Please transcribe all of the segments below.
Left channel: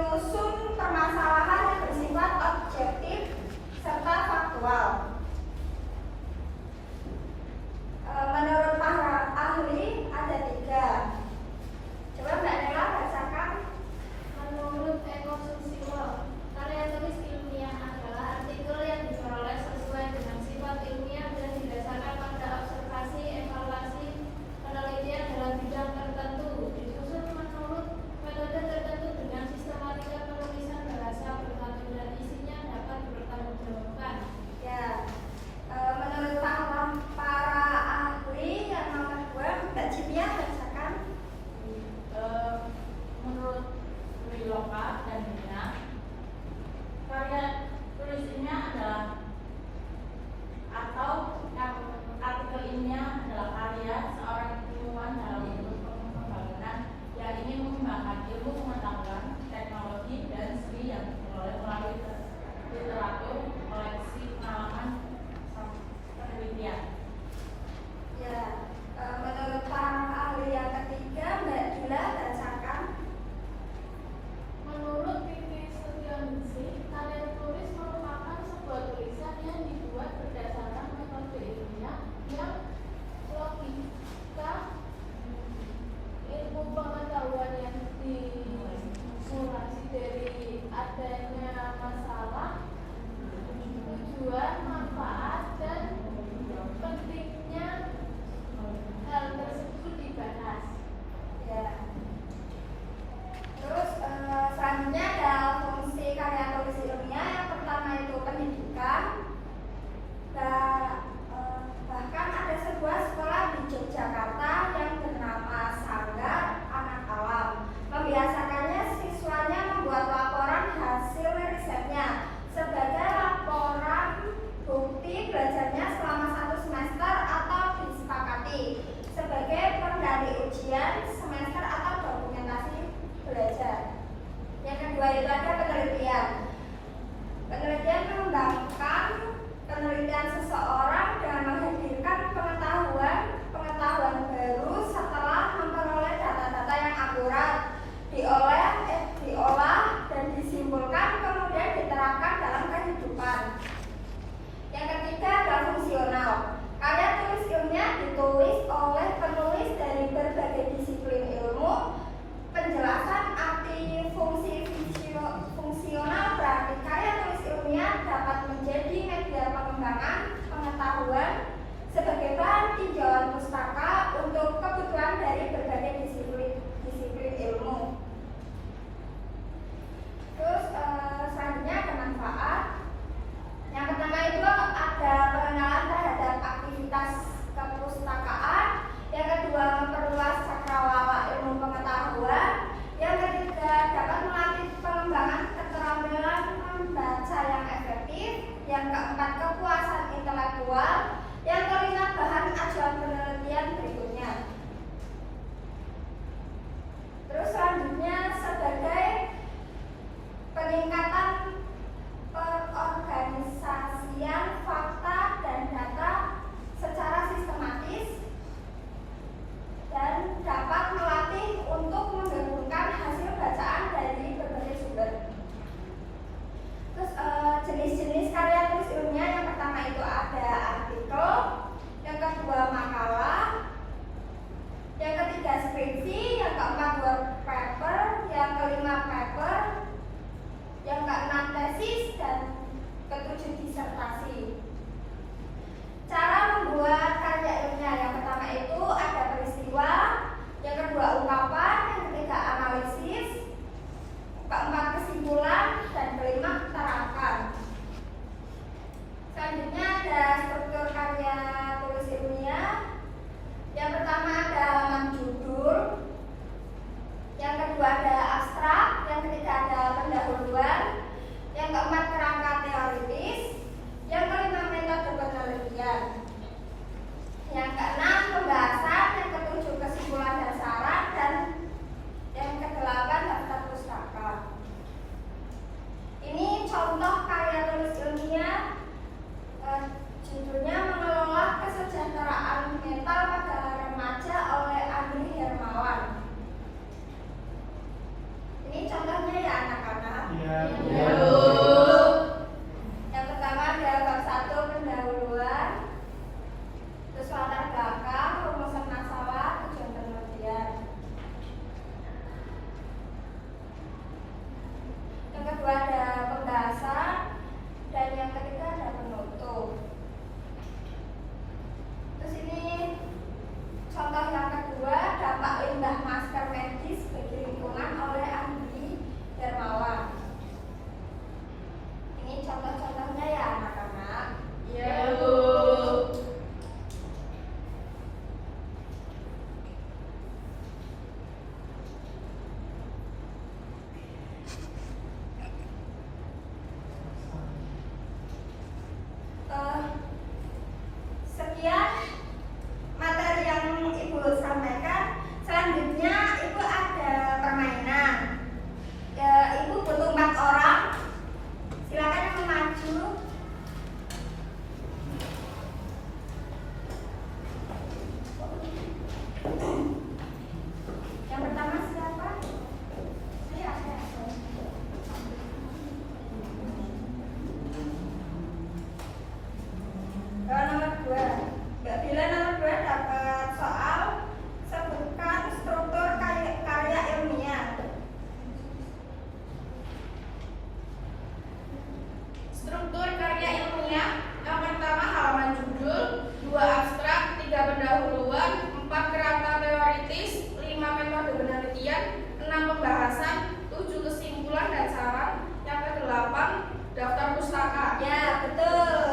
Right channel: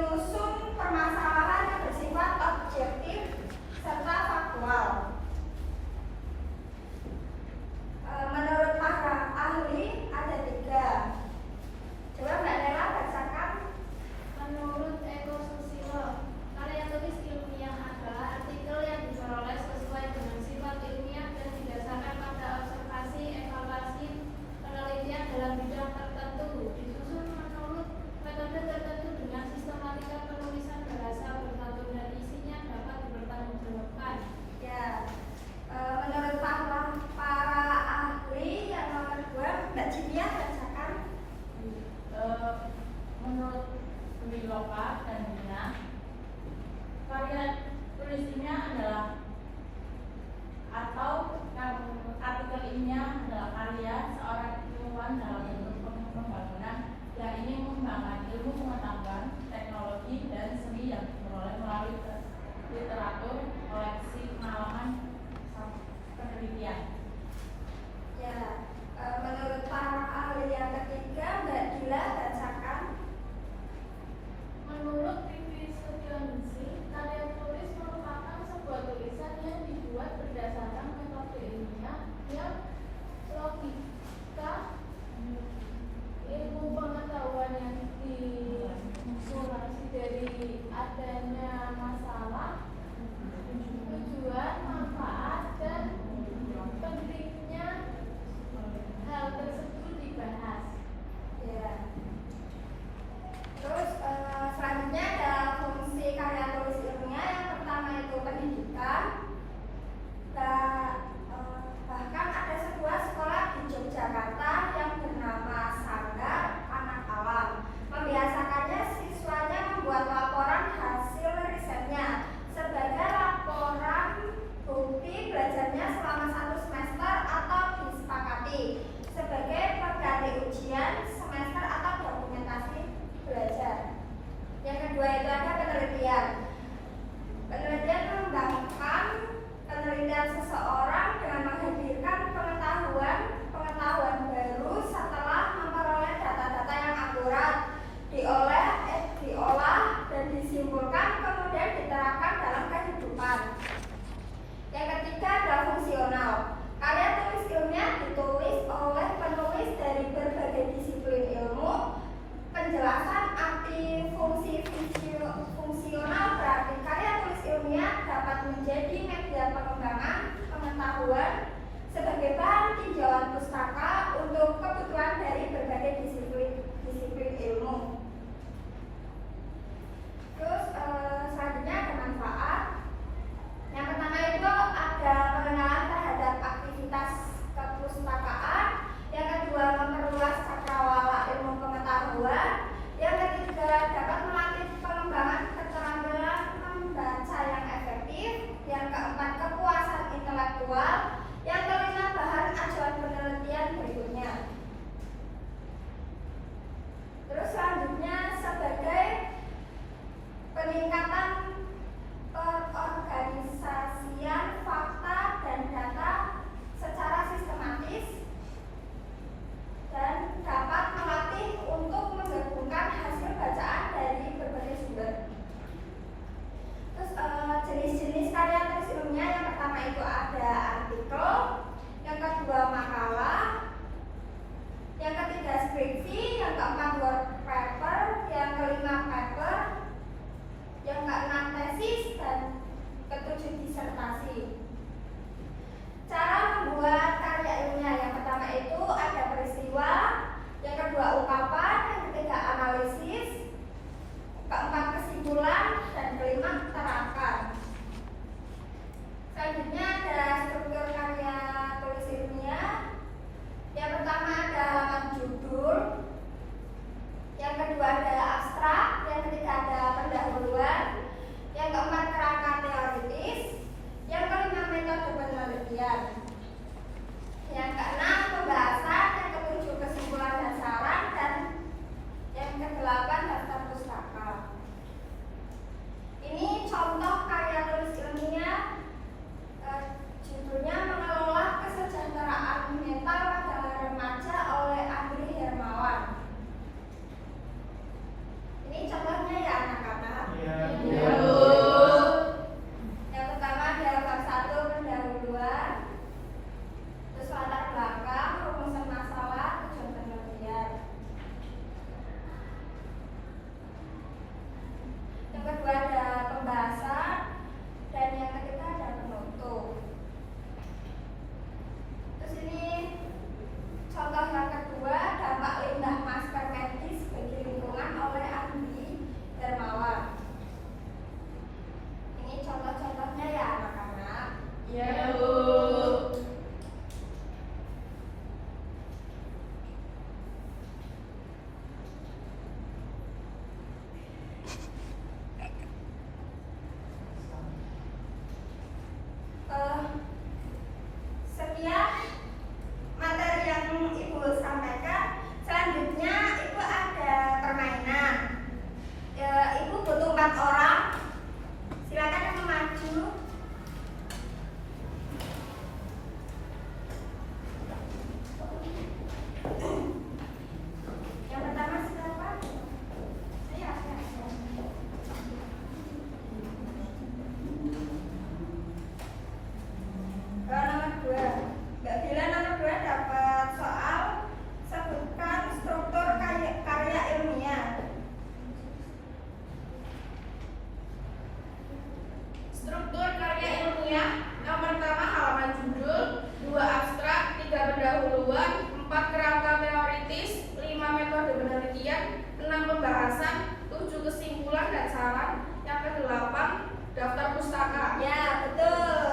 menyusun permasalahan yang bersifat objektif serta faktual. Menurut para ahli ada 3. Coba Mbak Nela bacakan. Menurut Eko Susilo, karya tulis ilmiah adalah artikel yang diperoleh sesuai dengan sifat ilmiah dan didasarkan pada observasi, evaluasi, penelitian dalam bidang tertentu, disusun menurut metode tertentu dengan sistematika penulisan bahasa bersatu dan isinya dapat bertanggungjawabkan. Ya, menurut para ahli yang nomor 2, Mbak Cimia bacakan. Menurut Wiloka dan Nina, karya tulis ilmiah adalah atau artikel ilmiah adalah karya seorang ilmuwan dalam bentuk pembangunan yang ingin mengembangkan ilmu pengetahuan, teknologi, dan seni yang diperoleh melalui literatur, koleksi, pengalaman, penelitian. Ya, menurut para ahli yang ketiga, Mbak Gila bacakan. Menurut Vivi Sudioningsi, karya tulis merupakan sebuah tulisan yang dibuat berdasarkan metode ilmiah yang logika, ilmu pengetahuan yang dimulasi dari adanya masalah, tujuan, manfaat, dan pentingnya hal tersebut dibahas. Ya. Terus selanjutnya ada fungsi karya tulis ilmiah. Yang pertama itu pendidikan. Bahkan ada sebuah sekolah di Yogyakarta yang bernama Sanggar Anak Alam. Membiasakannya siswanya membuat laporan hasil risetnya sebagai laporan bukti belajarnya selama 1 semester atau disepakati sebagai pengganti ujian semester atau dokumentasi belajar. Yang kedua itu ada penelitian. Penelitian mengembangkan penelitian seseorang dengan menghadirkan pengetahuan baru setelah memperoleh data-data yang akurat, diolah dan disimpulkan kemudian diterapkan dalam kehidupan. Yang ketiga adalah fungsional. Karya tulis ilmiah ditulis oleh penulis dari berbagai disiplin ilmu. Penjelasan arti fungsi fungsional berarti karya tulis ilmiah dapat menjadi media pengembangan pengetahuan sebagai bahan tinjauan pustaka untuk kebutuhan dari berbagai disiplin ilmu. Terus selanjutnya ada manfaat. Yang pertama itu ada pengenalan terhadap aktivitas kepustakaan. Yang kedua memperluas cakrawala ilmu pengetahuan. Yang ketiga dapat melatih pengembangan keterampilan membaca yang efektif. Yang keempat kepuasan intelektual. Yang kelima bahan ilmiah. Yang pertama halaman judul, 2 abstrak, 3 pendahuluan, 4 kerangka teoritis, 5 metode penelitian, 6 pembahasan, 7 kesimpulan dan saran. Yang ke-8 daftar pustaka. Ya, betul.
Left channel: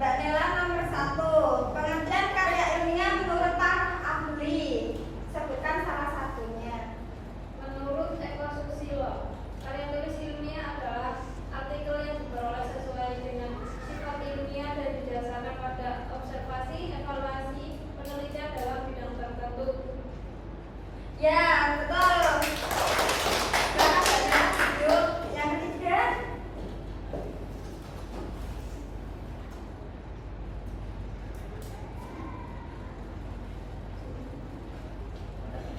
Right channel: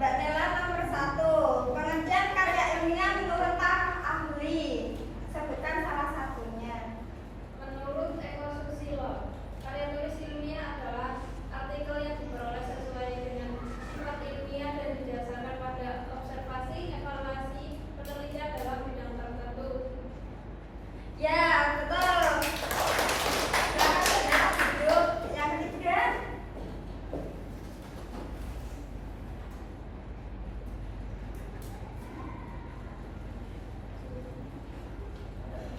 Mbak Nela nomor 1. Pengertian karya ilmiah menurut para ahli. Sebutkan salah satunya. Menurut Eko Susilo, karya tulis ilmiah adalah artikel yang diperoleh sesuai dengan sifat ilmiah dan didasarkan pada observasi, evaluasi, penelitian dalam bidang tertentu. Ya, betul. Silakan ya. Yuk, yang ketiga.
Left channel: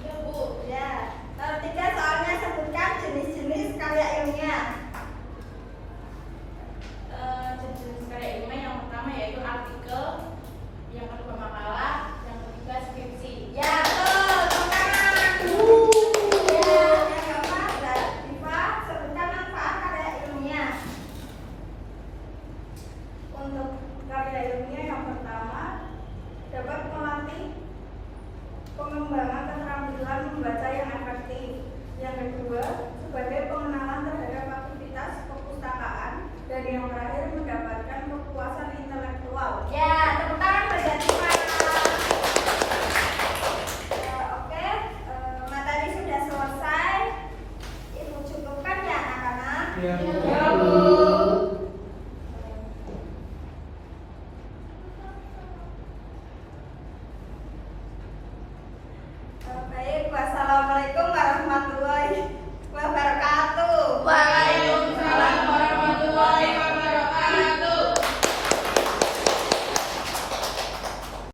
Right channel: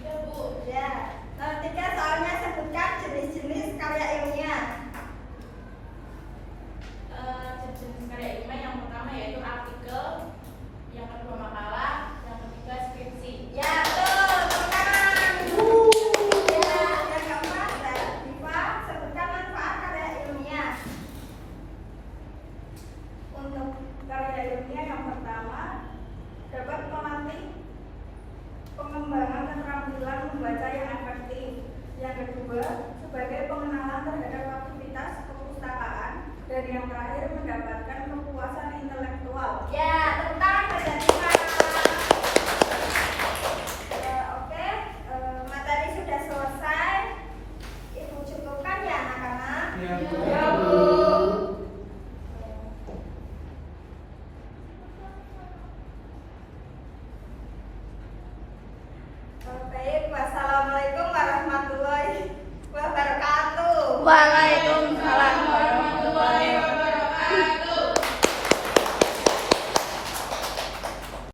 Bu. Ya. Nomor 3 soalnya sebutkan jenis-jenis karya ilmiah. Jenis karya ilmiah yang pertama yaitu artikel, yang kedua makalah, yang ketiga skripsi. Ya, betul. Semangat. Ya, yang keempat adalah Diva, sebutkan manfaat karya ilmiah. Untuk karya ilmiah yang pertama dapat melatih pengembangan keterampilan membaca yang efektif. Yang kedua, sebagai pengenalan terhadap aktivitas perpustakaan. Dan yang terakhir, mendapatkan kepuasan intelektual. Ya, tepuk tangan pada Diva. Oke, materi sudah selesai. Ibu cukupkan ya anak-anak. Ya.